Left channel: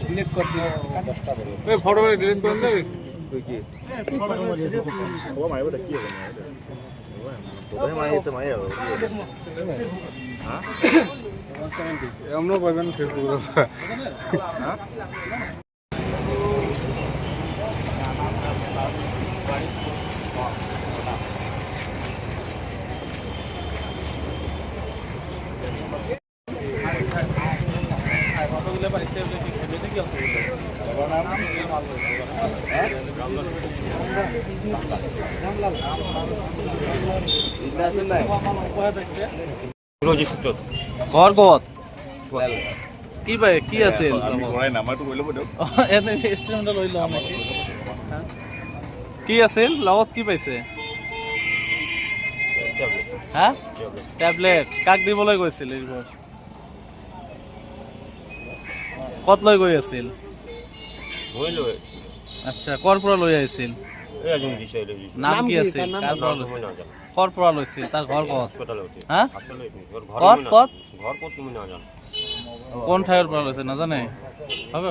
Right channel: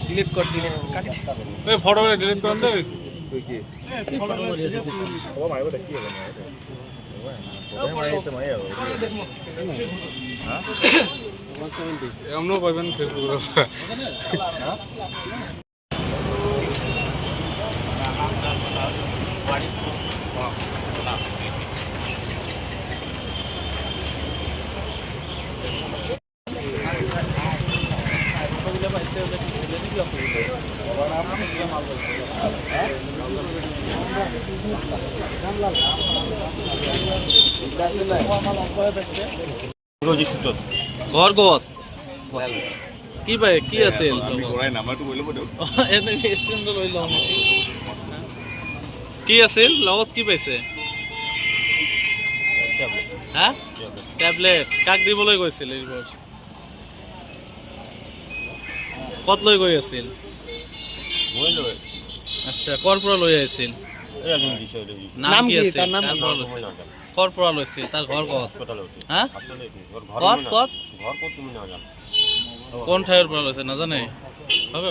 delete কর দিলে এই ফটো করে ডিলিট করন দে কি ফটো মারিয়েছে ও মাইবো কি হবে না ফটো মারিয়েছে মাইয়া হ্যাঁ 170 এমন বাজান ফেসবুক হ্যাঁ বাড়ি ঘর কত কি ভাই কি আছিল কি আছিল লগত কি পাইছে হ্যাঁ ট্যাবলেট কাক দিবলৈ গৈছিল এইবাৰ কত লৈ গৈ আছিল আচ্ছা কৰ পৰা লৈ আহিছিল নাম কি আছিল কৰ পৰা লৈছিল তাৰ ঘৰ কত হা কত কোন ঠাইৰ পৰা লৈছে নাজানে হ'ব